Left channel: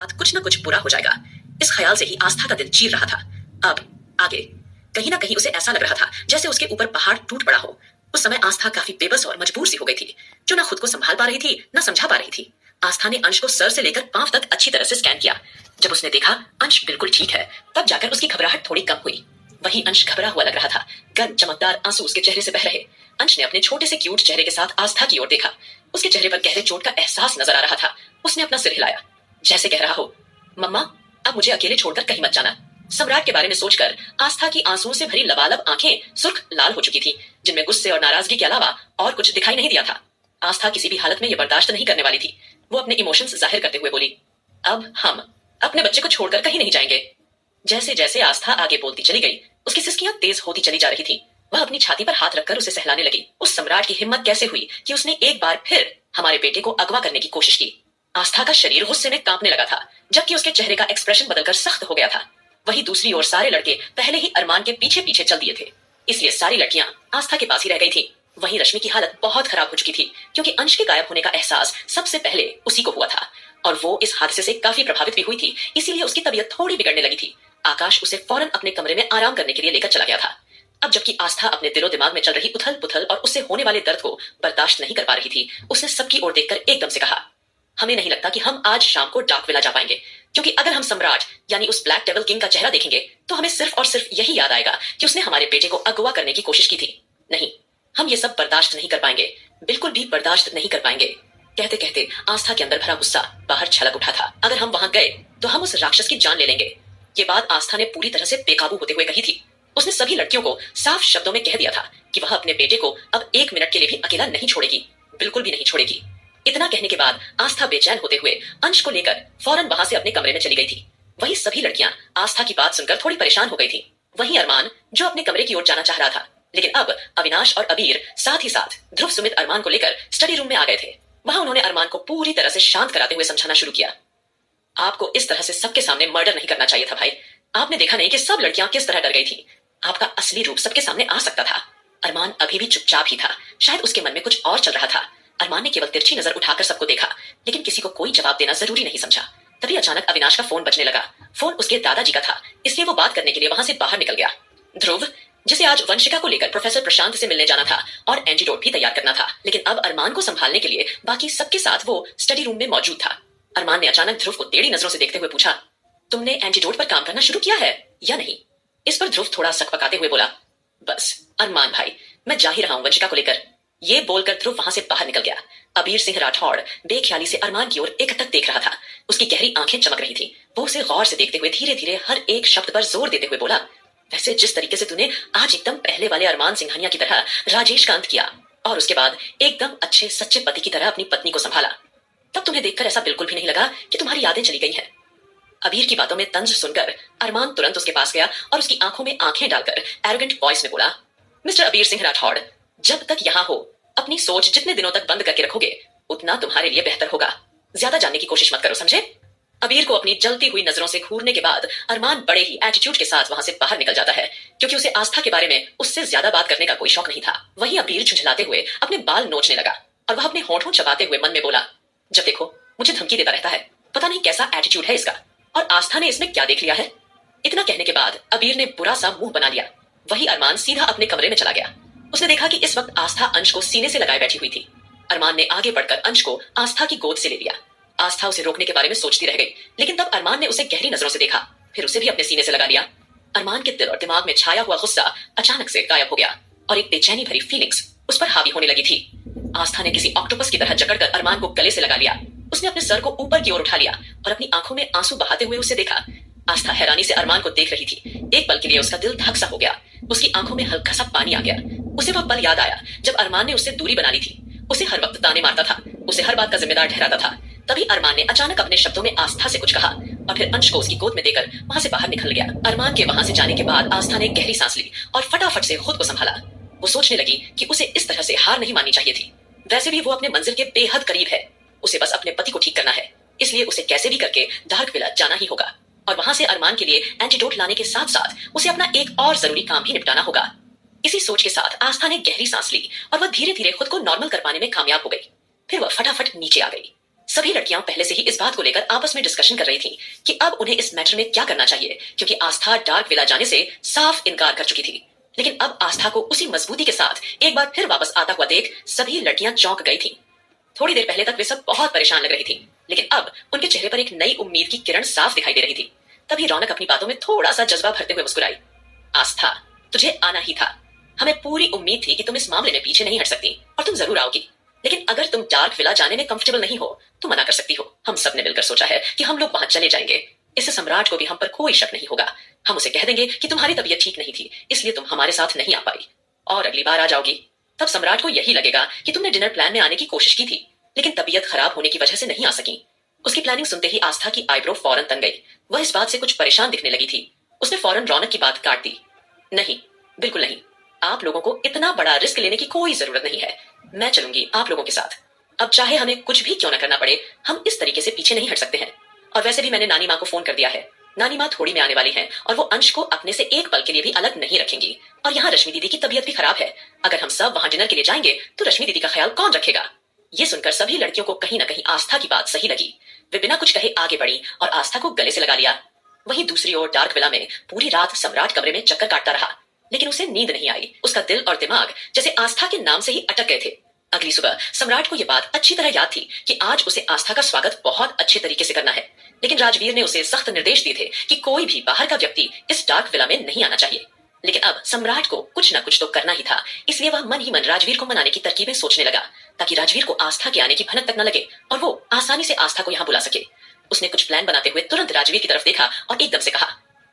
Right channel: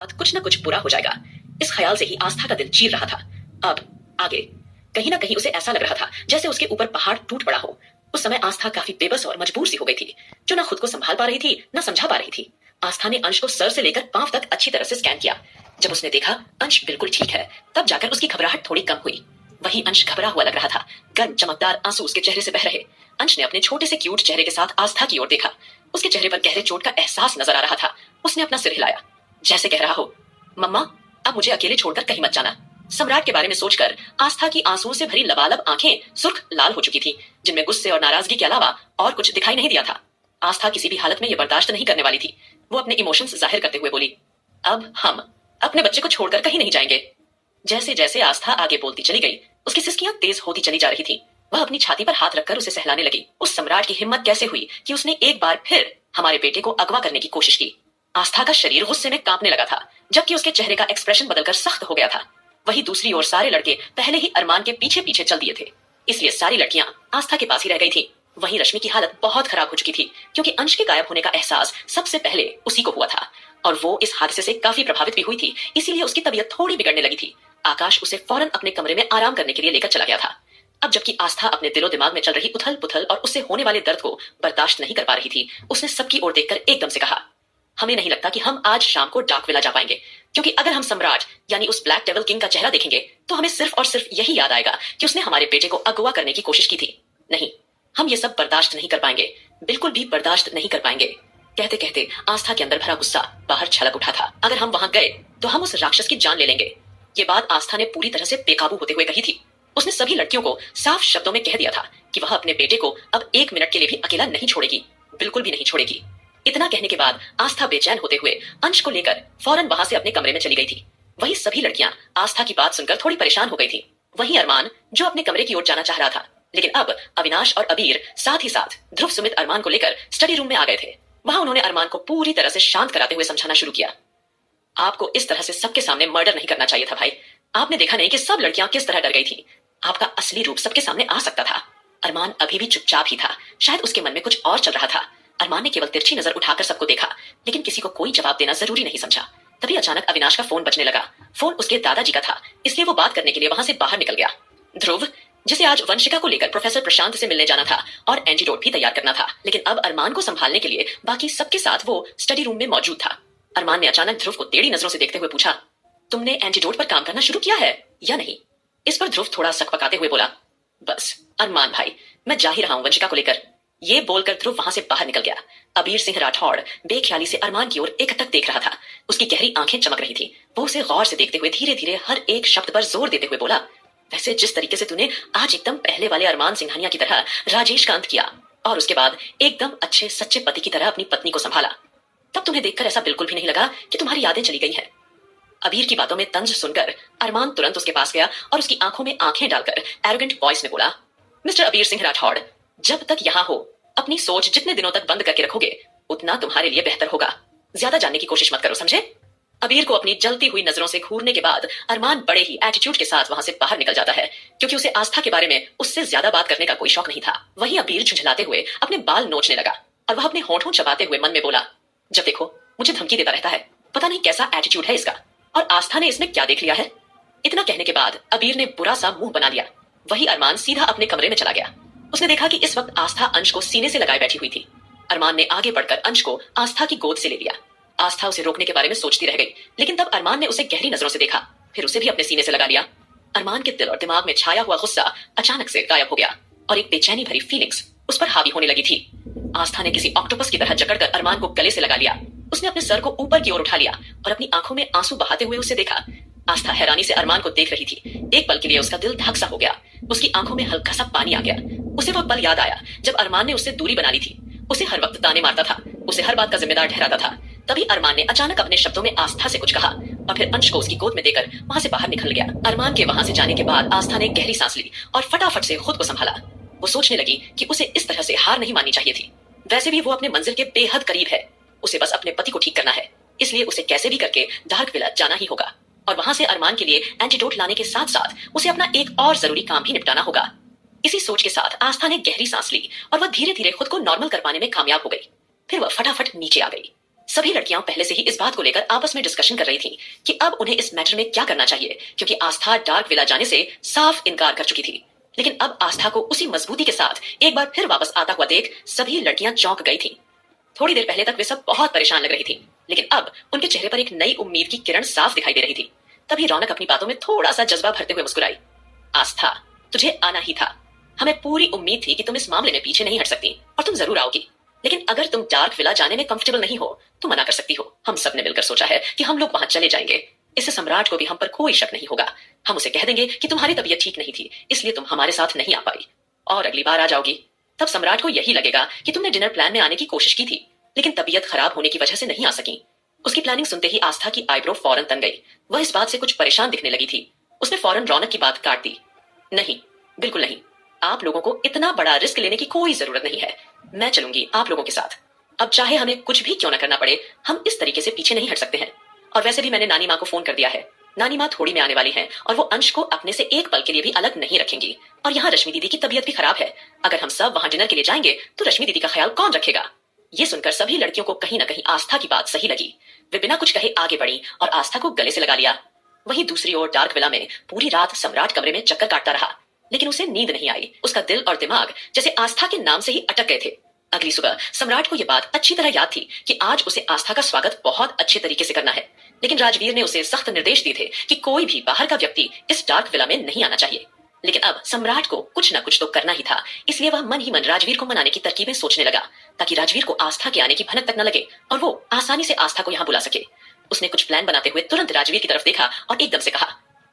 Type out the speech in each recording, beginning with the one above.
कुछ न कुछ बुरा हो जाएगा, इस ख्याल से ही आस्था का दिल चीर रहा था। अब आगे कहीं ना कहीं उसे ऐसा लग रहा था जैसे उसके ऊपर पहाड़ टूट पड़ा हो। उस समय आस्था काफी बेबस और मजबूर सी हो गई थी, जो ना खुद को संभाल पा रही थी ना समझा पा रही थी। आस्था ने अंश को सर से लेकर पांव तक अच्छी तरह से स्कैन किया। जब उसने देखा अंश बिल्कुल ठीक है, तब जाकर उसकी घबराहट थोड़ी कम हुई। वही अंश घबरा हुआ लग रहा था, गर्म चमकदार आंसू उसके चेहरे से बह रहे। अंश ने अपने छोटे से क्यूट चेहरे के साथ आस्था की ओर देखा। उसके चेहरे पर गहरे चोट का एहसास नजर आ रहा था। उसने अपना सिर हिलाया, जैसे कह रहा हो, मम्मा अब मुझे अकेले छोड़कर कहीं मत जाना। सम्राट के बारे में सोचकर आस्था की आंसुओं से भरी लबालब आंखें सुर्ख लाल हो चुकी थी, जिनमें गुस्से और नाराजगी के अलावा और कुछ दिखाई नहीं दिया था। आस्था किसी भी हालत में यह बर्दाश्त नहीं करने वाली थी। वो अपने इमोशंस जाहिर करते हुए बोली, अब हम अपने बच्चे को छोड़कर कहीं नहीं जाएंगे। जैसे जैसे आस्था आगे बोलती चली गई, उसकी सिसकियां तेज होती चली जा रही थी। वह अपनी छाती पर हाथ रखकर उसे सहलाने लगी। उस सम्राट की हिम्मत कैसे हुई कि उसने एक बार फिर हमारे बेटे को अगवा करने की कोशिश की। आस्था का शरीर गुस्से में कांपने लगा था, जबकि उसके चेहरे का एक्सप्रेशन बदलकर सख्त हो गया था। वही दूसरी ओर सारे लड़के पहले ही अरमान के पीछे पीछे चल दिए थे, इसलिए सारी लड़कियां आस्था के पास ही रह गई थी। वहीं रश्मि की हालत बहुत खराब हो चुकी थी, क्योंकि अंश के गायब होने का एहसास सबसे पहले उसी को हुआ था और वो इस हादसे से काफी प्रभावित भी हुई थी, इसीलिए उसकी तबीयत थोड़ी बिगड़ने लगी थी। आकाश उसे फौरन अपने कमरे में आराम करने के लिए लेकर चला गया था। अब जबकि आस्था अपने दिलो दिमाग में चल रही उथल पुथल और उससे होने वाले दर्द को बर्दाश्त नहीं कर पा रही थी, उसने सबकी ओर देखकर एकदम से कहा, हमें नहीं लगता कि हम आज शाम को डार्क विला जा पाएंगे, क्योंकि अगर हम सम्राट यानी उस ब्लैक डेविल किंग का चेहरा देखेंगे तो हमें सिर्फ और सिर्फ यही याद आएगा कि उसने हमारे बेटे को अगवा करने की कोशिश की थी। नहीं, हम ये सब बर्दाश्त नहीं कर पाएंगे, बिल्कुल भी बर्दाश्त नहीं कर पाएंगे। कहते कहते आस्था के अंदर भरा गुस्सा बाहर छलक उठा था। अगर हम वहां गए तो हम उस राक्षस की जान ले लेंगे। ये बात आस्था ने पूरी तरह से बेकाबू होते हुए कही थी। उसने सभी लड़कियों को साफ शब्दों में कह दिया था कि वह अपने बेटे को अब एक मिनट के लिए भी अकेला नहीं छोड़ेगी, बिल्कुल भी नहीं छोड़ेगी। इतना कहने के बाद आस्था बेचैन होते हुए अंश को लेकर फौरन वहां से अपने कमरे में चली गई थी। वही सभी लड़कियां आस्था की बात सुनकर थोड़ी परेशान हो गई थी। वहीं अरमान, जो अपने कमरे की ओर जाना चाह रहा था, लेकिन अब अविनाश और अबीर साथ ही साथ ध्रुव सुमित अरमान को लेकर स्टडी रूम में आ गए थे। वहां उन्होंने अरमान को पूरी तरह से शांत कराते हुए समझाना शुरू किया। आपको इस तरह से सबके सामने मर्डर नहीं करना चाहिए था भाई। आपने देखा नहीं कि सब लड़कियां किस तरह डर गई थी। आपका असली रूप सबके सामने आ सकता था। अरमान अभी भी चुपचाप ही था, शायद उसके मन में कुछ और चल रहा था। अरमान ने केवल तिरछी नजर उठाकर सबको देखा, लेकिन किसी को कोई जवाब देना जरूरी नहीं समझा। तभी अचानक अविनाश का फोन बजने लगा। फोन उसके दादाजी का था, इसलिए वो बात करने के लिए वहां से बाहर निकल गया। ध्रुव, जिसे आज वंशिका को लेकर प्रोफेसर प्रशांत से मिलने जाना था और एंटीडोट भी तैयार करना था, लेकिन अब अरमान को संभालने के लिए बाकी सबके साथ वो स्टडी रूम में मौजूद था। अरमान ने अचानक ध्रुव को टेढ़ी नजरों से देखते हुए पूछा, तुमने एंटीडोट पर काम करना शुरू किया है या नहीं? इस पर ध्रुव थोड़ा सकपकाते हुए बोला, बस अरमान भाई, मैं जा ही रहा हूं वंशिका को लेकर। ये बोलकर ध्रुव वहां से बाहर निकल गया। अबीर सिंह राठौड़ बेख्याली से अरमान की ओर एकटक देख रहा था। उसकी गहरी आंखें चमक रही थी। वो उसे गौर से देखते हुए धीरे धीरे हर एक शब्द पर जोर देते हुए बोला, वैसे जिस तरीके से तूने आज एकदम पहले वाले अरमान सिंघानिया की तरह राजेश का अंत किया और उसके बाद एकदम अच्छे सच्चे पति की तरह अपनी पत्नी को संभाला, तब तुम्हें देखकर ऐसा बिल्कुल भी नहीं लगा कि तुम्हारी यादें चली गई हैं। अबीर की बातों में तंज सुनकर अरमान तुरंत उसके पास गया और उसकी आंखों में आंखें डालकर एरोगेंट वॉइस में बोला, मिस्टर अबीर सिंह राठौड़, जब तक यहाँ हो अपनी सोच जितने दिनों तक बंद करके रखोगे उतना तुम्हारे लिए बेहतर होगा। ज्यादा जानने की कोशिश मत करो, समझे? अबीर को अपनी जलती हुई नजरों से घूरने के बाद अरमान बड़े ही एटीट्यूड के साथ वहां से बाहर निकल जाता है, क्योंकि उसे आस्था के बारे में उससे ज्यादा बात करने का कोई शौक नहीं था। वहीं अबीर झुंझलाते हुए अपने बाल नोचने लगा और वह अपने होंठों चबाते हुए मन में बोला, जब देखो मुझे धमकी देता रहता है, पता नहीं कैसा एटीट्यूड है इसका, और आस्था ने इसमें क्या देख लिया है। इतना कहने के बाद अबीर ने बुरा सा मुंह बना लिया। वही अरमान सीधा अपने कमरे में चला गया। उसने देखा कि इस वक्त आस्था अंश को सीने से लगाए बैठी हुई थी। अरमान ने आगे बढ़कर अंश को आस्था की गोद से ले लिया। आस्था उसे रोकने के बारे में सोचती रह गई, लेकिन तब अरमान ने उसे गहरी नजरों से देखा, फिर उसे भी अपने सीने से लगा लिया। अरमान के दिल और दिमाग में छाया हुआ गुस्सा अचानक से गायब हो गया और एक बेचैनी भरी फीलिंग्स उस पर हावी होने लगी थी। आस्था ने किसी ऑक्टोपस की तरह जकड़कर अरमान को गले से लगा लिया। उसने अपने सर को ऊपर की ओर उठा लिया और अपनी आंखों में आंसू बहाते हुए उसे देखा। आस्था हैरानी से अरमान को देख रही थी। एक पल के लिए उसका दिल धक सा हो गया। उसकी आंखों में हल्का सा पानी आ गया। उसे वह पल याद आया जब अरमान ने उससे दूरी बना ली थी। उसे हर वक्त ताने मारता था, उसे हर बात का जिम्मेदार ठहराता था। तभी अरमान ने अचानक अपने शब्दों में आस्था से कुछ कहा और फिर अंश को उसकी गोद में देकर वहां से बाहर निकल गया। अरमान के वहां से जाने के बाद आस्था ने गहरी सांस ली और फटाफट से खुद को संभाला। वो सोचने लगी कि उसे इस तरह से हार नहीं माननी चाहिए थी। वैसे भी वो अपने मंजिल के बेहद करीब है। उसे बस अपने पति को ठीक करना है, इसलिए उसे कैसे भी करके डार्क विला जाना ही होगा और वहां से अरमान के लिए एंटीडोट लाने के साथ साथ उसे अपना एक और जरूरी काम भी निपटाना होगा। इसी सोच के साथ आस्था ने गहरी सांस ली और वह धीरे धीरे खुद को नॉर्मल कर पाने में कामयाब हो गई। फिर वह फटाफट नीचे आ गई। सभी लड़कियां पहले से ही इस बात को लेकर आपस में डिस्कशन कर रही थीं कि अब उन्हें इस मैटर में क्या करना चाहिए, क्योंकि आस्था डार्क विला जाने से साफ इनकार कर चुकी थी। लेकिन अब आस्था को उसी मजबूती के साथ एक बार फिर वापस आता हुआ देख सभी लड़कियां चौंक गई थीं। थोड़ी देर पहले तक वे सब बहुत परेशान लग रही थी, लेकिन अब उनके चेहरे पर एक नई उम्मीद की किरण साफ दिखाई दे रही थी। तभी रौनक अपनी बातों में थोड़ा सा जज्बा भरते हुए मुस्कुराई। आस्था, तुझे आना ही था। हमें पूरी उम्मीद थी कि तुम इस मामले में पीछे नहीं हट सकती और तुम जरूर आओगी। लेकिन अगर तुम डार्क विला जाने में कंफर्टेबल नहीं हो तो मना कर सकती हो। हम सब ने मिलकर सोचा है कि हम लोग वहां चले जाएंगे। इससे सम्राट को भी हम पर कोई शक नहीं होगा। हम उसे कह देंगे कि तुम्हारी तबीयत ठीक नहीं थी, इसलिए तुम हमारे साथ नहीं आ पाई और अगली बार आ जाओगी। तब सम्राट को यही लगेगा कि तुमने डिनर प्लान में आने की कोशिश की थी, लेकिन तबीयत खराब होने की वजह से नहीं आ सकी। उसकी प्लानिंग सुनते ही आस्था की आईब्रो फौरन तन गई। वह इस बात से कुछ परेशान दिखने लगी थी। उसने फौरन रौनक की बात काट दी। नहीं, बिल्कुल नहीं। आप लोगों को इतना बड़ा रिस्क लेने की कोई जरूरत नहीं है। मैं चलूंगी आप लोगों के साथ। अब चाहे हमें कुछ भी क्यों ना करना पड़े, हम इस तरीके से पीछे नहीं हट सकते हैं। और वैसे भी मैंने नानी माँ को फोन कर दिया है। नानी माँ थोड़ी में आने वाली हैं और वो अंश को अपने से एक पल के लिए भी अलग नहीं रखेंगी। और यहाँ रश्मि दीदी की तबीयत भी खराब है। अगर हम सब वहां डिनर के लिए जाएंगे तो रश्मि दीदी का ख्याल कौन रखेगा? ये सुनकर सभी लड़कियों को कहीं ना कहीं आस्था की बात सही लगी। वे बिना कुछ कहे आगे बढ़ी और आस्था को गले से लगा लिया। वहीं दूसरी ओर डार्क विला में पूरी रात सम्राट कमरे में चक्कर काटता रहा, लेकिन उसे नींद नहीं आई। उसका दिल और दिमाग जैसे आस्था के नाम से ही अटक गए थे। अगली सुबह सम्राट को यह बात अच्छी तरह याद थी कि आज उसे आस्था का स्वागत बहुत अच्छे तरीके से करना है। लेकिन राजवीर ने उसे सख्त निर्देश दिए थे कि कोई भी बाहर का व्यक्ति इस डार्क विला में नहीं आना चाहिए। लेकिन अब सम्राट को कुछ ना कुछ तो करना ही था, इसलिए वह मन ही मन राजवीर को मनाने की तरकीबें सोचने लगा, ताकि राजवीर को आस्था के आने की भनक तक न लगे और वो आसानी से आस्था को यहाँ बुला सके। उसने कुछ प्लान बनाते हुए तुरंत राजवीर की तरफ देखा और एकदम से कहा,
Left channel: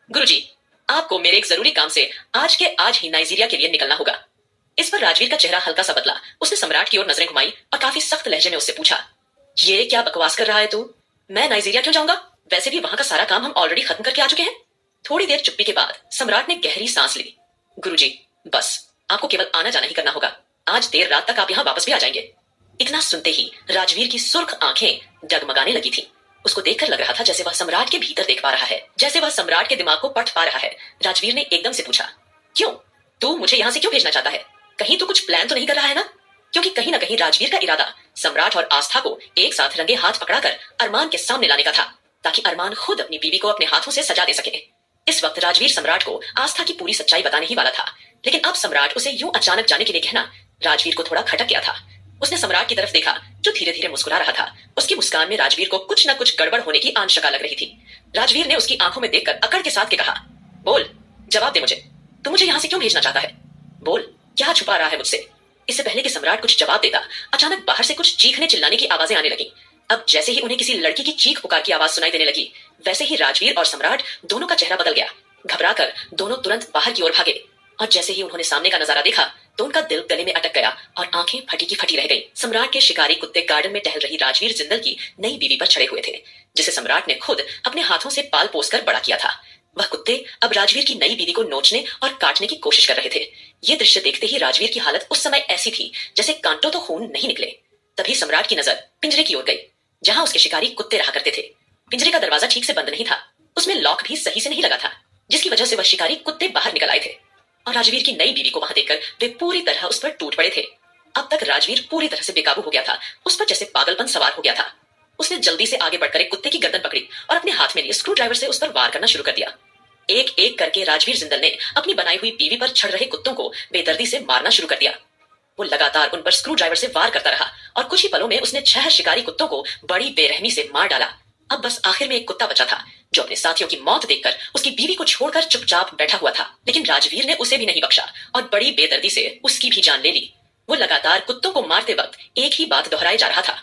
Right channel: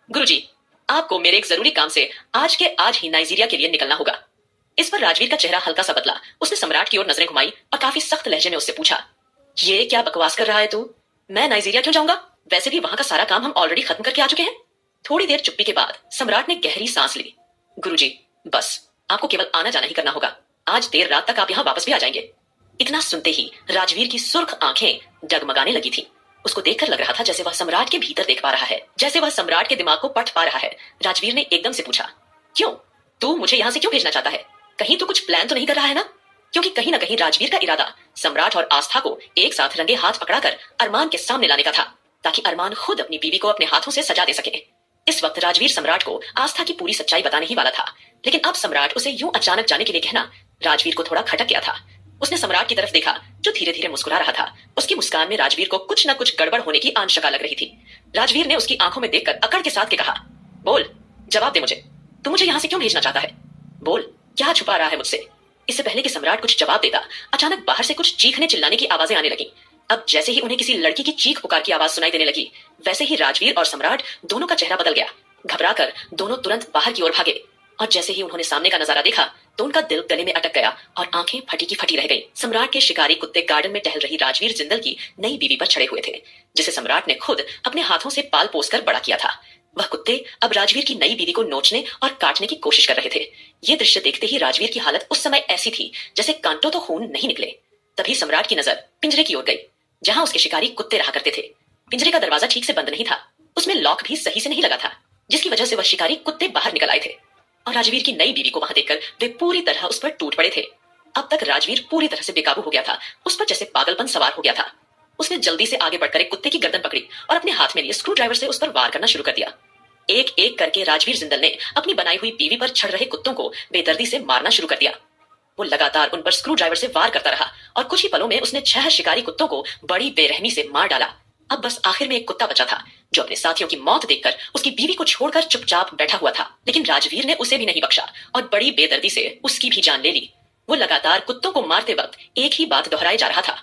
गुरुजी, आपको मेरे एक जरूरी काम से आज के आज ही नाइजीरिया के लिए निकलना होगा। इस पर राजवीर का चेहरा हल्का सा बदला। उसने सम्राट की ओर नजरें घुमाई और काफी सख्त लहजे में उससे पूछा, ये क्या बकवास कर रहा है तू? मैं नाइजीरिया क्यों जाऊंगा? वैसे भी वहां का सारा काम हम ऑलरेडी खत्म करके आ चुके हैं। थोड़ी देर चुप्पी के बाद सम्राट ने गहरी सांस ली। गुरुजी, बस आपको केवल आना जाना ही करना होगा। आज देर रात तक आप यहाँ वापस भी आ जाएंगे। इतना सुनते ही राजवीर की सुर्ख आंखें डगमगाने लगी थी। उसको देखकर लग रहा था जैसे वह सम्राट के भीतर देख पा रहा है, जैसे वह सम्राट के दिमाग को पढ़ पा रहा है। राजवीर ने एकदम से पूछा, क्यों? तू मुझे यहाँ से क्यों भेजना चाहता है? कहीं तू कुछ प्लान तो नहीं कर रहा है ना? क्योंकि कहीं ना कहीं राजवीर का इरादा सम्राट और आस्था को एक साथ रंगे हाथ पकड़ाकर अरमान के सामने लाने का था, ताकि अरमान खुद अपनी बीवी को अपने हाथों से सजा दे सके। इस वक्त राजवीर सम्राट को आस्था की पूरी सच्चाई बताने ही वाला था, लेकिन अब सम्राट उसे यूं अचानक जाने के लिए कहना राजवीर को थोड़ा खटक गया था। उसने सम्राट की तरफ देखा, जो धीरे धीरे मुस्कुरा रहा था। उसकी मुस्कान में राजवीर को कुछ न कुछ गड़बड़ होने की आशंका लग रही थी। राजवीर ने उसकी आंखों में देखकर अकड़ के साथ के कहा, बोल, जवाब दे मुझे। तू मुझे यहाँ से क्यों भेजना चाहता है? बोल, क्या छुपा रहा है मुझसे? इससे पहले कि सम्राट कुछ जवाब देगा, अचानक बाहर से कुछ चीखने चिल्लाने की आवाजें आने लगी। अब जैसे ही उन्हें किसी लड़की की चीख पुकार की आवाज सुनाई देने लगी, वैसे ही राजवीर और सम्राट दोनों का चेहरा बदल गया। घबराकर दोनों तुरंत बाहर की ओर भागे और जैसे ही उन्होंने सामने का नजारा देखा तो उनका दिल गले में अटक गया और आंखें फटी की फटी रह गईं। सम्राट के शिकारी कुत्ते गार्डन में टहल रही राजवीर जिंदल की नई बीवी पर चढ़े हुए थे, जिसे सम्राट ने खुद अपने हाथों से पाल पोस कर बड़ा किया था। वह कुत्ते अब राजवीर की नई बीवी को नोचने और काटने की कोशिश कर रहे थे। ये दृश्य देखते ही राजवीर की हालत उस समय ऐसी थी जैसे कांटों तो खून नहीं निकले। तभी सम्राट की नजर पिंजरे की ओर गई, जहां उसके शिकारी कुत्ते रहा करते थे। पिंजरे का दरवाजा ठीक से बंद नहीं था, उसमें लॉक भी सही से नहीं लगा था, जिसकी वजह से वह शिकारी कुत्ते बाहर निकल आए थे। और राजवीर की नई बीवी को वहां देखकर वे पूरी तरह उस पर टूट पड़े थे। अब तक राजवीर पूरी तरह से बेकाबू हो गया था, उस पर जैसे पागलपन सवार हो गया था। उसने जल्दी से आगे बढ़कर एक कुत्ते की गर्दन पकड़ी और अपने हाथ में लिए स्क्रू ड्राइवर से उस पर वार करना शुरू कर दिया। एक एक करके राजवीर जिंदल ने अपनी बनाई हुई बीवी पर चढ़ रहे कुत्तों को बेदर्दी से मारना शुरू कर दिया। वो लगातार उन पर स्क्रू ड्राइवर से वार करता रहा और कुछ ही पलों में उसने 6 शिकारी कुत्तों को बड़ी बेरहमी से मार डाला। अब बस आखिर में एक कुत्ता बचा था, जो अपने साथियों की मौत देखकर उसकी बीवी को छोड़कर चुपचाप बैठा हुआ था। लेकिन राजवीर ने उसे भी नहीं बख्शा और बड़ी बेदर्दी से उसकी भी जान ले ली। वो लगातार कुत्तों को मारते वक्त एक ही बात दोहराए जा रहा था,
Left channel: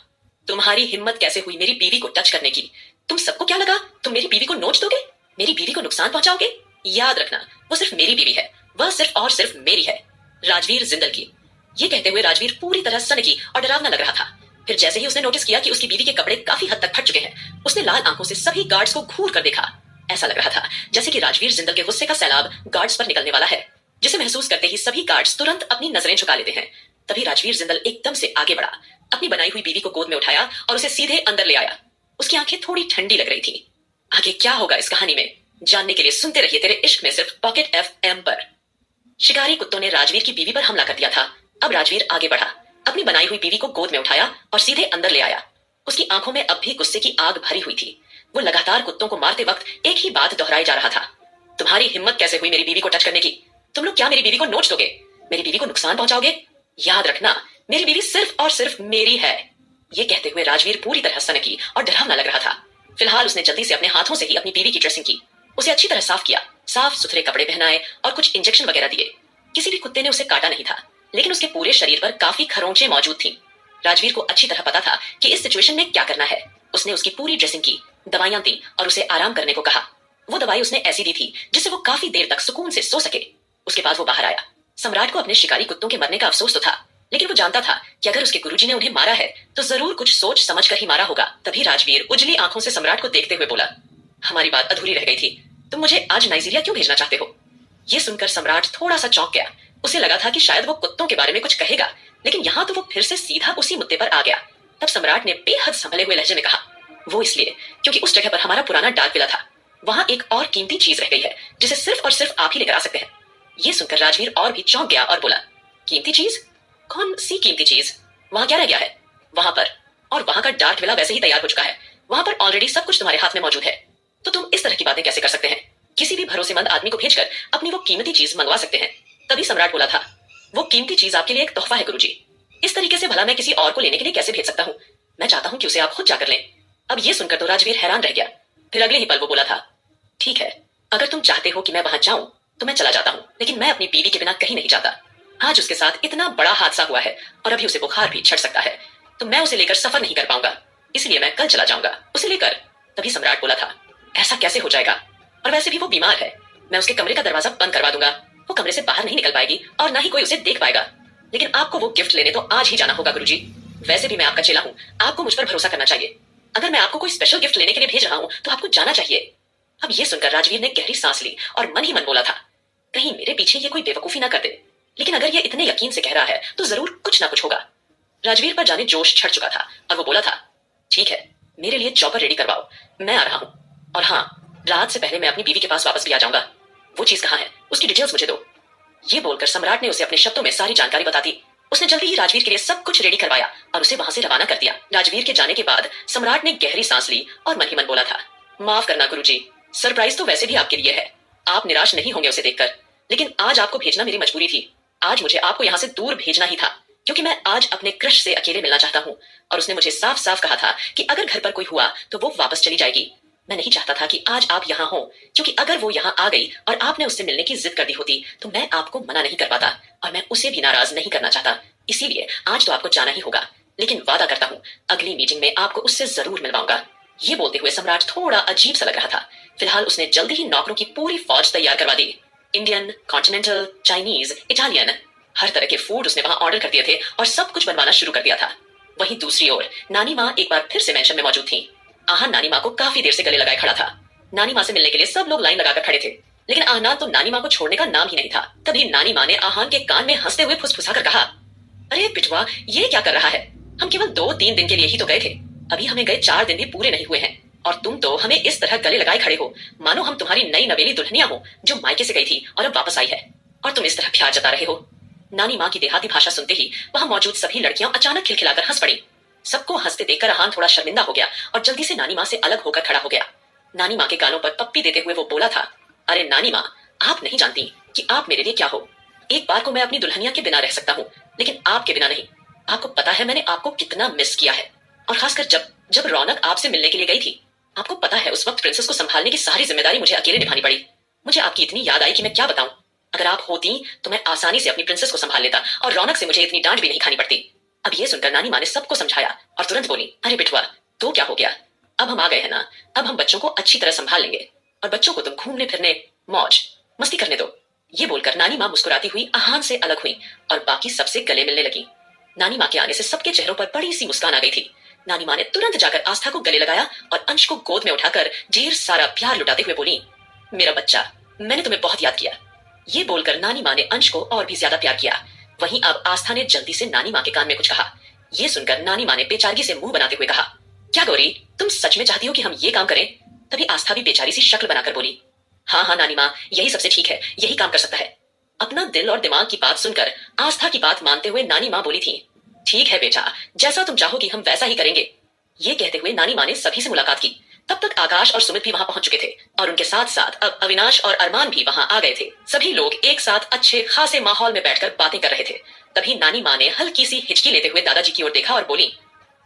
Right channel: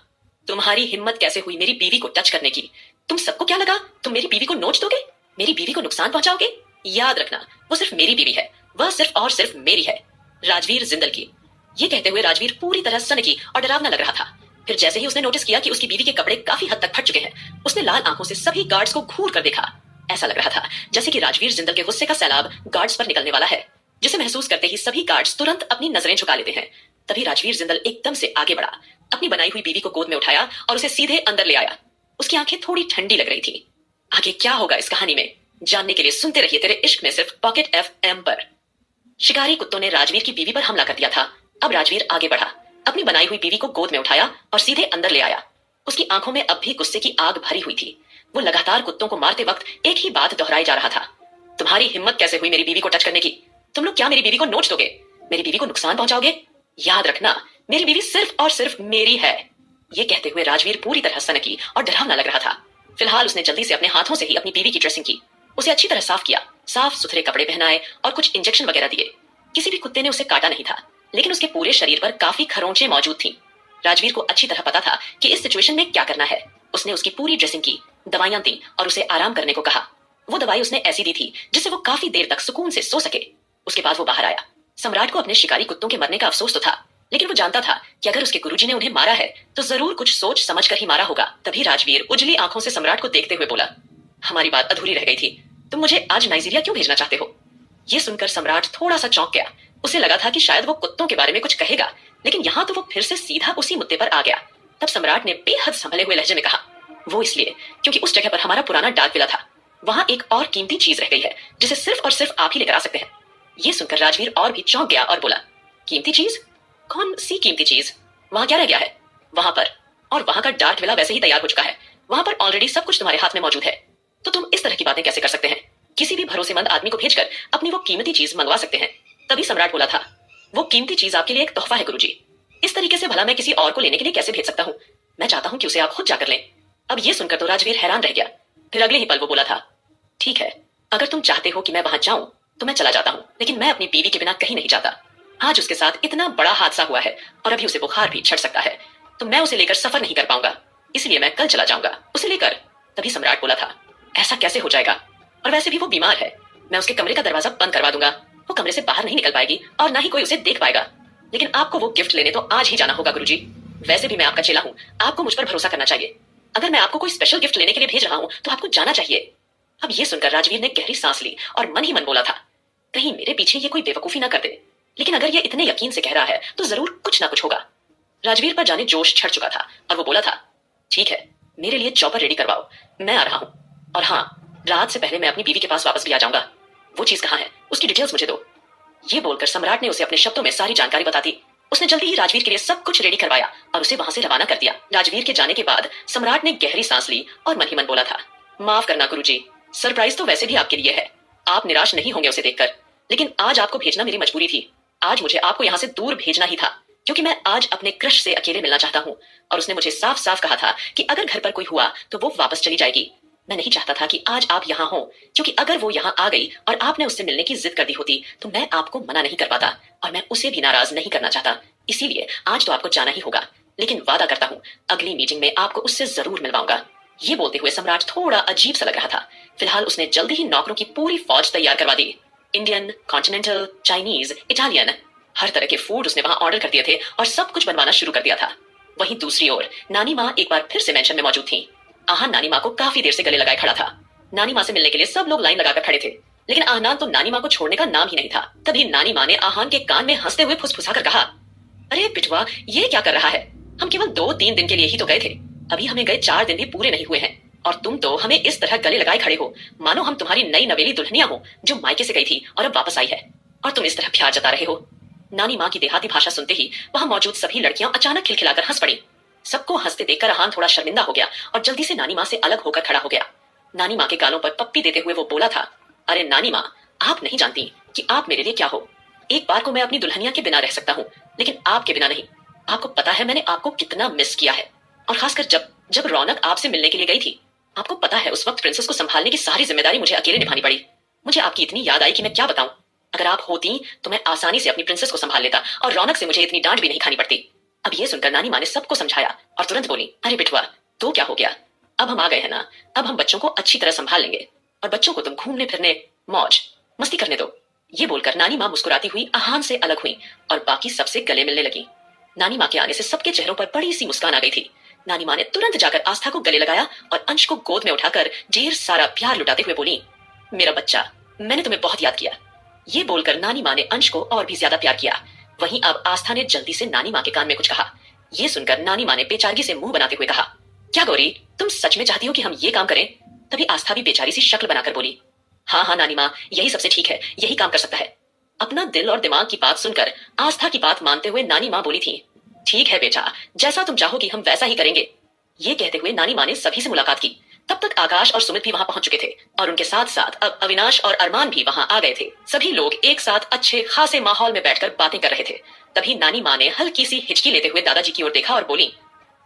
तुम्हारी हिम्मत कैसे हुई मेरी बीवी को टच करने की? तुम सबको क्या लगा तुम मेरी बीवी को नोच दोगे, मेरी बीवी को नुकसान पहुंचाओगे? याद रखना, वो सिर्फ मेरी बीवी है, वह सिर्फ और सिर्फ मेरी है, राजवीर जिंदल की। ये कहते हुए राजवीर पूरी तरह सनकी और डरावना लग रहा था। फिर जैसे ही उसने नोटिस किया कि उसकी बीवी के कपड़े काफी हद तक फट चुके हैं, उसने लाल आंखों से सभी गार्ड्स को घूर कर देखा। ऐसा लग रहा था जैसे कि राजवीर जिंदल के गुस्से का सैलाब गार्ड्स पर निकलने वाला है, जिसे महसूस करते ही सभी गार्ड्स तुरंत अपनी नजरें झुका लेते हैं। तभी राजवीर जिंदल एकदम से आगे बढ़ा, अपनी बनाई हुई बीवी को गोद में उठाया और उसे सीधे अंदर ले आया। उसकी आंखें थोड़ी ठंडी लग रही थी। आगे क्या होगा इस कहानी में जानने के लिए सुनते रहिए तेरे इश्क में सिर्फ पॉकेट FM पर। शिकारी कुत्तों ने राजवीर की बीवी पर हमला कर दिया था। अब राजवीर आगे बढ़ा, अपनी बनाई हुई बीवी को गोद में उठाया और सीधे अंदर ले आया। उसकी आंखों में अब भी गुस्से की आग भरी हुई थी। वो लगातार कुत्तों को मारते वक्त एक ही बात दोहराई जा रहा था। तुम्हारी हिम्मत कैसे हुई मेरी बीवी को टच करने की? तुम लोग क्या मेरी बीवी को नोच दोगे? मेरी बीवी को नुकसान पहुंचाओगे? याद रखना, मेरी बीवी सिर्फ और सिर्फ मेरी है। ये कहते हुए राजवीर पूरी तरह सनकी और डरावना लग रहा था। फिलहाल उसने जल्दी से अपने हाथों से ही अपनी बीवी की ड्रेसिंग की, उसे अच्छी तरह साफ किया, साफ सुथरे कपड़े पहनाए और कुछ इंजेक्शन वगैरह दिए। किसी भी कुत्ते ने उसे काटा नहीं था, लेकिन उसके पूरे शरीर पर काफी खरोंचें मौजूद थीं। राजवीर को अच्छी तरह पता था कि इस सिचुएशन में क्या करना है। उसने उसकी पूरी ड्रेसिंग की, दवाइयां दी और उसे आराम करने को कहा। वो दवाई उसने ऐसी दी थी जिससे वो काफी देर तक सुकून से सो सके। उसके बाद वो बाहर आया। सम्राट को अपने शिकारी कुत्तों के मरने का अफसोस तो था, लेकिन वो जानता था कि अगर उसके गुरुजी ने उन्हें मारा है तो जरूर कुछ सोच समझ कर ही मारा होगा। तभी राजवीर उजली आंखों से सम्राट को देखते हुए बोला, हमारी बात अधूरी रह गई थी। तुम मुझे आज नाइजीरिया क्यों भेजना चाहते हो? ये सुनकर सम्राट थोड़ा सा चौंक गया। उसे लगा था कि शायद वो कुत्तों के बारे में कुछ कहेगा, लेकिन यहाँ तो वो फिर से सीधा उसी मुद्दे पर आ गया। तब सम्राट ने बेहद संभले हुए लहजे में कहा, वो इसलिए क्योंकि उस जगह पर हमारा पुराना डाक विला था। वहां एक और कीमती चीज रह गई है जिसे सिर्फ और सिर्फ आप ही लेकर आ सकते हैं। ये सुनकर राजवीर और भी चौंक गया और बोला, कीमती चीज? कौन सी कीमती चीज? वहां क्या रह गया है? वहां पर, और वहां का डार्क विला वैसे ही तैयार हो चुका है। वहां पर ऑलरेडी सब कुछ तुम्हारे हाथ में मौजूद है, तो तुम इस तरह की बातें कैसे कर सकते हैं? किसी भी भरोसेमंद आदमी को भेजकर अपनी वो कीमती चीज मंगवा सकते हैं। तभी सम्राट बोला था, वो कीमती चीज आपके लिए एक तोहफा है गुरुजी। इस तरीके से भला मैं किसी और को लेने के लिए कैसे भेज सकता हूँ? मैं चाहता हूँ कि उसे आप खुद जाकर लें। अब ये सुनकर तो राजवीर हैरान रह गया। फिर अगले ही पल वो बोला था, ठीक है, अगर तुम चाहते हो कि मैं वहां जाऊं तो मैं चला जाता हूँ, लेकिन मैं अपनी बीवी के बिना कहीं नहीं जाता। आज उसके साथ इतना बड़ा हादसा हुआ है और अभी उसे बुखार भी चढ़ सकता है, तो मैं उसे लेकर सफर नहीं कर पाऊंगा, इसलिए मैं कल चला जाऊंगा उसे लेकर। तभी सम्राट बोला था, ऐसा कैसे हो जाएगा? और वैसे भी वो बीमार है, मैं उसके कमरे का दरवाजा बंद करवा दूंगा, वो कमरे से बाहर नहीं निकल पाएगी और ना ही कोई उसे देख पाएगा। लेकिन आपको वो गिफ्ट लेने तो आज ही जाना होगा गुरुजी। वैसे भी मैं आपका चेला हूँ, आपको मुझ पर भरोसा करना चाहिए। अगर मैं आपको कोई स्पेशल गिफ्ट लेने के लिए भेज रहा हूँ तो आपको जाना चाहिए। अब ये सुनकर राजवीर ने गहरी सांस ली और मन ही मन बोला था, कहीं मेरे पीछे ये कोई बेवकूफी ना कर दे, लेकिन अगर ये इतने यकीन से कह रहा है तो जरूर कुछ ना कुछ होगा। राजवीर पर जाने जोश चढ़ चुका था और वो बोला था, ठीक है, मेरे लिए चॉपर रेडी करवाओ, मैं आ रहा हूँ। और हाँ, रात से पहले मैं अपनी बीवी के पास वापस भी आ जाऊंगा। वो चीज कहाँ है, उसकी डिटेल्स मुझे दो। ये बोलकर सम्राट ने उसे अपने शब्दों में सारी जानकारी बता दी। उसने जल्दी ही राजवीर के लिए सब कुछ रेडी करवाया और उसे वहां से रवाना कर दिया। राजवीर के जाने के बाद सम्राट ने गहरी सांस ली और मन ही मन बोला था, माफ करना गुरुजी, सरप्राइज तो वैसे भी आपके लिए है, आप निराश नहीं होंगे उसे देखकर, लेकिन आज आपको भेजना मेरी मजबूरी थी। आज मुझे आपको यहाँ से दूर भेजना ही था, क्योंकि मैं आज अपने क्रश से अकेले मिलना चाहता हूँ और उसने मुझे साफ साफ कहा था कि अगर घर पर कोई हुआ तो वो वापस चली जाएगी। मैं नहीं चाहता था कि आज आप यहाँ हो, क्योंकि अगर वो यहाँ आ गई और आपने उससे मिलने की जिद कर दी होती तो मैं आपको मना नहीं कर पाता और मैं उसे भी नाराज नहीं करना चाहता। इसीलिए आज तो आपको जाना ही होगा, लेकिन वादा करता हूँ अगली मीटिंग में आपको उससे जरूर मिलवाऊंगा। ये बोलते हुए सम्राट थोड़ा अजीब सा लग रहा था। फिलहाल उसने जल्दी ही नौकरों की पूरी फौज तैयार करवा दी। इंडियन, कॉन्टिनेंटल, चाइनीज, इटालियन, हर तरह के फूड उसने वहां ऑर्डर कर दिए थे और सब कुछ बनवाना शुरू कर दिया था। वहीं दूसरी ओर नानी माँ एक बार फिर से मेंशन में मौजूद थी। आहान नानी माँ को काफी देर से गले लगाए खड़ा था। नानी माँ से मिलने के लिए सब लोग लाइन लगाकर खड़े थे, लेकिन आहनान तो नानी माँ को छोड़ने का नाम ही नहीं था। तभी नानी माँ ने आहान के कान में हंसते हुए फुसफुसा कर कहा, अरे पिटवा, ये क्या कर रहा है? हम केवल 2-3 दिन के लिए ही तो गए थे, अभी हमें गए 4 दिन भी पूरे नहीं हुए हैं और तुम तो हमें इस तरह गले लगाए खड़े हो मानो हम तुम्हारी नई नवेली दुल्हनिया हो जो मायके से गई थी और अब वापस आई है, और तुम इस तरह प्यार जता रहे हो। नानी माँ की देहाती भाषा सुनते ही वहां मौजूद सभी लड़कियां अचानक खिलखिलाकर हंस पड़ी। सबको हंसते देखकर आहान थोड़ा शर्मिंदा हो गया और जल्दी से नानी माँ से अलग होकर खड़ा हो गया। नानी माँ के गालों पर पप्पी देते हुए वो बोला था, अरे नानी माँ, आप नहीं जानती कि आप मेरे लिए क्या हो। एक बार को मैं अपनी दुल्हनिया के बिना रह सकता हूँ, लेकिन आपके बिना नहीं। आपको पता है मैंने आपको कितना मिस किया है, और खासकर जब जब रौनक आपसे मिलने के लिए गई थी। आपको पता है उस वक्त प्रिंसेस को संभालने की सारी जिम्मेदारी मुझे अकेले निभानी पड़ी। मुझे आपकी इतनी याद आई कि मैं क्या बताऊं। अगर आप होती तो मैं आसानी से अपनी प्रिंसेस को संभाल लेता और रौनक से मुझे इतनी डांट भी नहीं खानी पड़ती। अब ये सुनकर नानी माँ ने सबको समझाया और तुरंत बोली, अरे बिटवा, तो क्या हो गया, अब हम आ गए हैं ना, अब हम बच्चों को अच्छी तरह संभाल लेंगे और बच्चों को तुम घूमने फिरने, मौज मस्ती करने दो। ये बोलकर नानी माँ मुस्कुराती हुई आहान से अलग हुई और बाकी सबसे गले मिलने लगी। नानी माँ के आने से सबके चेहरों पर बड़ी सी मुस्कान आ गई थी। नानी माँ ने तुरंत जाकर आस्था को गले लगाया और अंश को गोद में उठाकर ढेर सारा प्यार लुटाते हुए बोली, मेरा बच्चा, मैंने तुम्हें बहुत याद किया। ये बोलकर नानी माँ ने अंश को और भी ज्यादा प्यार किया। वहीं अब आस्था ने जल्दी से नानी माँ के कान में कुछ कहा। ये सुनकर नानी माँ ने बेचारगी से मुंह बनाते हुए कहा, क्या गौरी, तुम सच में चाहती हो कि हम ये काम करें? तभी आस्था भी बेचारी सी शक्ल बनाकर बोली, हाँ हाँ नानी माँ, यही सबसे ठीक है, यही काम कर सकता है। अपना दिल और दिमाग की बात सुनकर आस्था की बात मानते हुए नानी माँ बोली थी, ठीक है बेटा, जैसा तुम चाहोगी हम वैसा ही करेंगे। ये कहते हुए नानी माँ ने सभी से मुलाकात की। तब तक आकाश और सुमित भी वहां पहुंच चुके थे और उनके साथ साथ अब अविनाश और अरमान भी वहां आ गए थे। सभी लोग एक साथ अच्छे खासे माहौल में बैठकर बातें कर रहे थे। तभी नानी माँ ने हल्की सी हिचकी लेते हुए दादाजी की ओर देखा और बोली,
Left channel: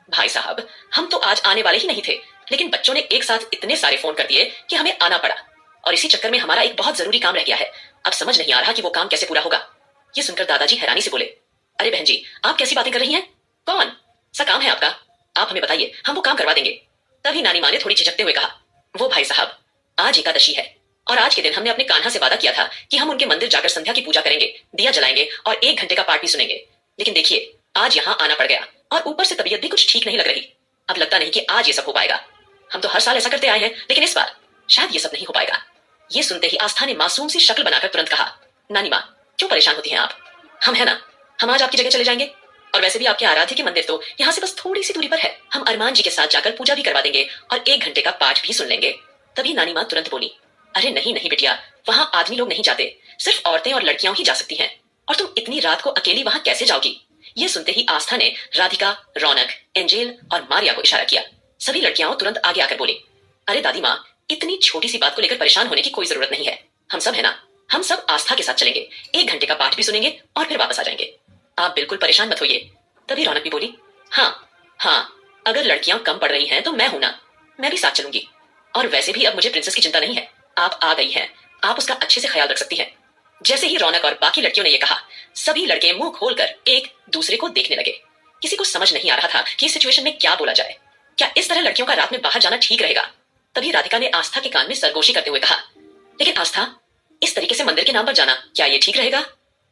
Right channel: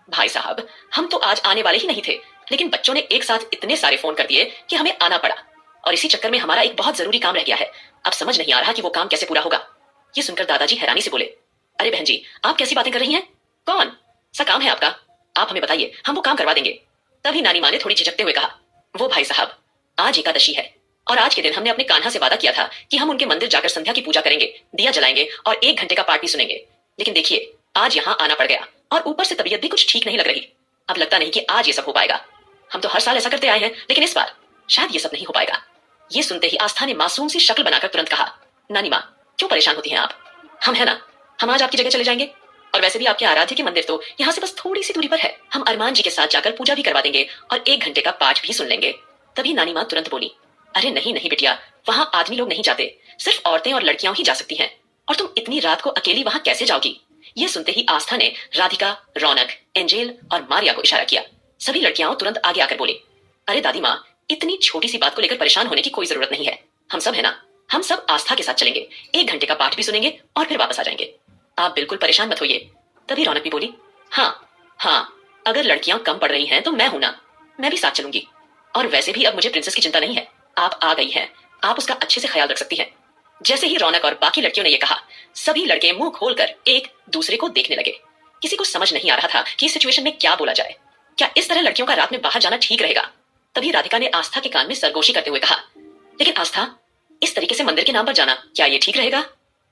भाई साहब, हम तो आज आने वाले ही नहीं थे, लेकिन बच्चों ने एक साथ इतने सारे फोन कर दिए कि हमें आना पड़ा और इसी चक्कर में हमारा एक बहुत जरूरी काम रह गया है। अब समझ नहीं आ रहा कि वो काम कैसे पूरा होगा। ये सुनकर दादाजी हैरानी से बोले, अरे बहन जी, आप कैसी बातें कर रही हैं? कौन सा काम है आपका? आप हमें बताइए, हम वो काम करवा देंगे। तभी नानी माँ ने थोड़ी झिझकते हुए कहा, वो भाई साहब, आज एकादशी है और आज के दिन हमने अपने कान्हा से वादा किया था कि हम उनके मंदिर जाकर संध्या की पूजा करेंगे, दिया जलाएंगे और 1 घंटे का पाठ भी सुनेंगे। लेकिन देखिए, आज यहाँ आना पड़ गया और ऊपर से तबीयत भी कुछ ठीक नहीं लग रही। अब लगता नहीं कि आज ये सब हो पाएगा। हम तो हर साल ऐसा करते आए हैं, लेकिन इस बार शायद ये सब नहीं हो पाएगा। ये सुनते ही आस्था ने मासूम सी शक्ल बनाकर तुरंत कहा, नानी माँ, क्यों परेशान होती हैं आप? हम है ना, हम आज आपकी जगह चले जाएंगे और वैसे भी आपके आराध्य के मंदिर तो यहाँ से बस थोड़ी सी दूरी पर है। हम अरमान जी के साथ जाकर पूजा भी करवा देंगे और 1 घंटे का पाठ भी सुन लेंगे। तभी नानी माँ तुरंत बोली, अरे नहीं नहीं बिटिया, वहां आदमी लोग नहीं जाते, सिर्फ औरतें और लड़कियां ही जा सकती हैं। और तुम इतनी रात को अकेली वहां कैसे जाओगी? ये सुनते ही आस्था ने राधिका, रौनक, एंजेल और मारिया को इशारा किया। सभी लड़कियां तुरंत आगे आकर बोली, अरे दादी माँ, इतनी छोटी सी बात को लेकर परेशान होने की कोई जरूरत नहीं है। हम सब है ना, हम सब आस्था के साथ चलेंगे, 1 घंटे का पाठ भी सुनेंगे और फिर वापस आ जाएंगे। आप बिल्कुल परेशान मत होइए। तभी रौनक भी बोली, हाँ, अगर लड़कियां कम पड़ रही हैं तो मैं हूं ना, मैं भी साथ चलूंगी। और वैसे भी अब मुझे प्रिंसेस की चिंता नहीं है, आप आ गई हैं, आप उसका अच्छे से ख्याल रख सकती हैं। जैसे ही रौनक और बाकी लड़कियों ने यह कहा, सभी लड़के मुंह खोलकर एक दूसरे को देखने लगे। किसी को समझ नहीं आ रहा था कि इस सिचुएशन में क्या बोला जाए। क्या इस तरह लड़कियों का रात में बाहर जाना ठीक रहेगा? तभी राधिका ने आस्था के कान में सरगोशी करते हुए कहा, लेकिन आस्था, इस तरीके से मंदिर के नाम पर जाना क्या ये ठीक रहेगा?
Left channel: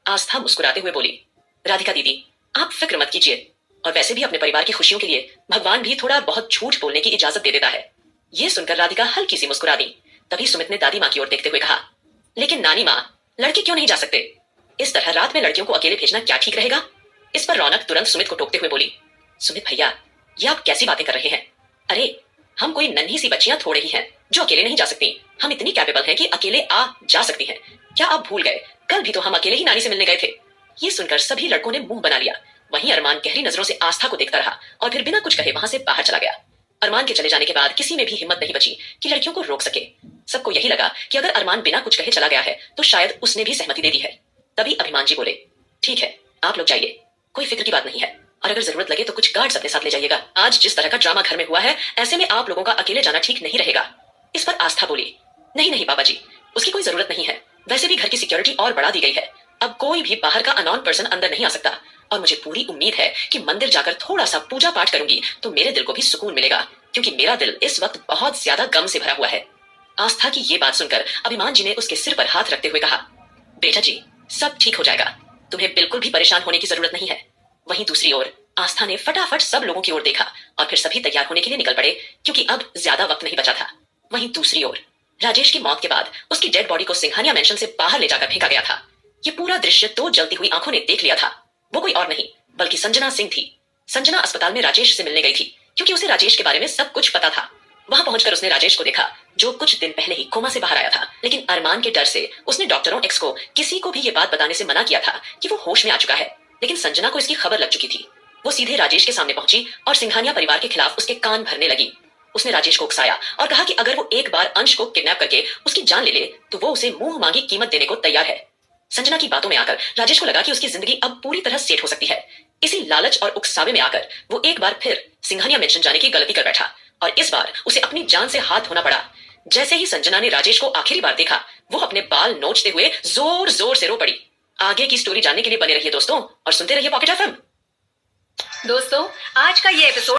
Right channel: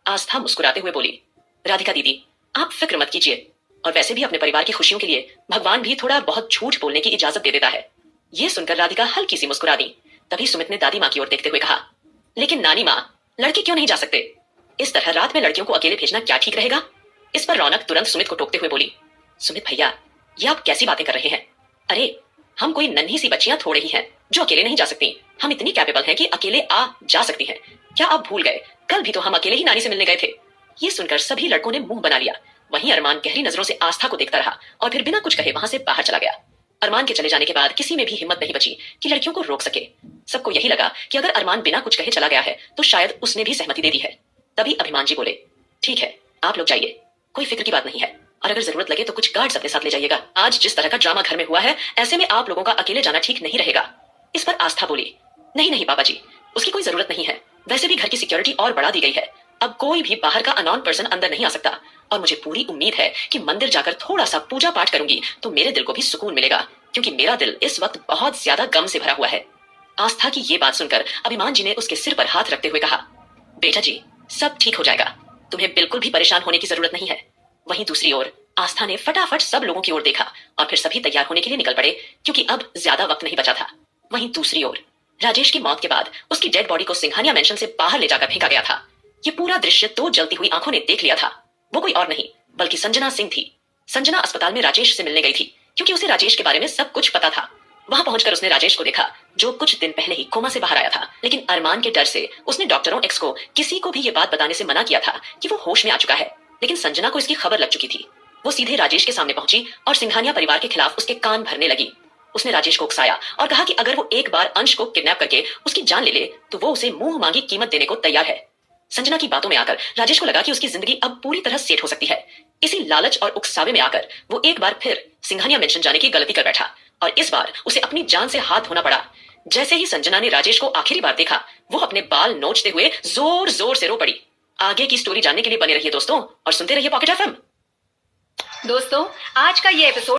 आस्था मुस्कुराते हुए बोली, राधिका दीदी, आप फिक्र मत कीजिए, और वैसे भी अपने परिवार की खुशियों के लिए भगवान भी थोड़ा बहुत झूठ बोलने की इजाजत दे देता है। ये सुनकर राधिका हल्की सी मुस्कुरा दी। तभी सुमित ने दादी माँ की ओर देखते हुए कहा, लेकिन नानी माँ, लड़के क्यों नहीं जा सकते? इस तरह रात में लड़कियों को अकेले भेजना क्या ठीक रहेगा? इस पर रौनक तुरंत सुमित को टोकते हुए बोली, सुमित भैया, ये आप कैसी बातें कर रहे हैं? अरे हम कोई नन्ही सी बच्चियां थोड़े ही हैं जो अकेले नहीं जा सकती। हम इतनी कैपेबल हैं कि अकेले आ जा सकती हैं। क्या आप भूल गए, कल भी तो हम अकेले ही नानी से मिलने गए थे। ये सुनकर सभी लड़कों ने मुंह बना लिया। वहीं अरमान गहरी नजरों से आस्था को देखता रहा और फिर बिना कुछ कहे वहां से बाहर चला गया। अरमान के चले जाने के बाद किसी में भी हिम्मत नहीं बची कि लड़कियों को रोक सके। सबको यही लगा कि अगर अरमान बिना कुछ कहे चला गया है तो शायद उसने भी सहमति दे दी है। तभी अभिमान जी बोले, ठीक है, आप लोग जाइए, कोई फिक्र की बात नहीं है, और अगर जरूरत लगे तो कुछ गार्ड्स अपने साथ ले जाइएगा। आज जिस तरह का ड्रामा घर में हुआ है, ऐसे में आप लोगों का अकेले जाना ठीक नहीं रहेगा। इस पर आस्था बोली, नहीं नहीं पापा जी, उसकी कोई जरूरत नहीं है। वैसे भी घर की सिक्योरिटी और बढ़ा दी गई है, अब कोई भी बाहर का अननोन पर्सन अंदर नहीं आ सकता। और मुझे पूरी उम्मीद है कि मंदिर जाकर थोड़ा सा पूजा पाठ करूंगी तो मेरे दिल को भी सुकून मिलेगा, क्योंकि मेरा दिल इस वक्त बहुत ज्यादा गम से भरा हुआ है। आस्था की ये बात सुनकर अभिमान जी ने उसके सिर पर हाथ रखते हुए कहा, बेटा जी, सब ठीक हो जाएगा, तुम्हें बिल्कुल भी परेशान होने की जरूरत नहीं है। वहीं दूसरी ओर आस्था ने फटाफट सब लोगों की ओर देखा और फिर सभी तैयार होने के लिए निकल पड़े, क्योंकि अब ज्यादा वक्त नहीं बचा था। वहीं दूसरी ओर राजेश की मौत के बाद उसकी डेड बॉडी को सिंघानिया मेंशन से बाहर ले जाकर फेंका गया था। ये पूरा दृश्य तो जलती हुई आंखों ने देख लिया था। वो कोई और नहीं बल्कि संजना सिंह थी। संजना अस्पताल में राजेश से मिलने गई थी क्योंकि उसे राजेश के बारे में सब कुछ पता था। वहां पहुंचकर उसने राजेश को देखा जो कुछ दिन पहले ही कोमा से बाहर आया था, लेकिन अरमान के डर से उसने डॉक्टरों एक्स को किसी को भी ये बात बताने से मना किया था कि वो होश में आ चुका है। लेकिन संजना को इसकी खबर लग चुकी थी। वो सीधे राजेश के सामने पहुंची और सिंघानिया परिवार के खिलाफ उसके कान भरने लगी। उसने राजेश को उकसाया और कहा कि अगर वो एक बार अंश को किडनैप करके उसकी जान ले ले तो वो उसे मुंह मांगी कीमत देने को तैयार है। संजना की बातों में आकर राजेश को लगा कि उसकी जिंदगी अब पूरी तरह सेट हो सकती है। इसी लालच और उकसावे में आकर वो एक बार फिर सिंघानिया मेंशन जाने की गलती कर बैठा और इस बार उसे अपनी जान से हाथ धोना पड़ा। जैसे ही संजना ने राजेश को आखिरी बार देखा, वो अपने बाल नोचते हुए जोर जोर से रो पड़ी। आगे की स्टोरी जानने के लिए बने रहिए दोस्तों और सुनते रहिए पॉकेट एफएम। दोस्तों, आज का ये एपिसोड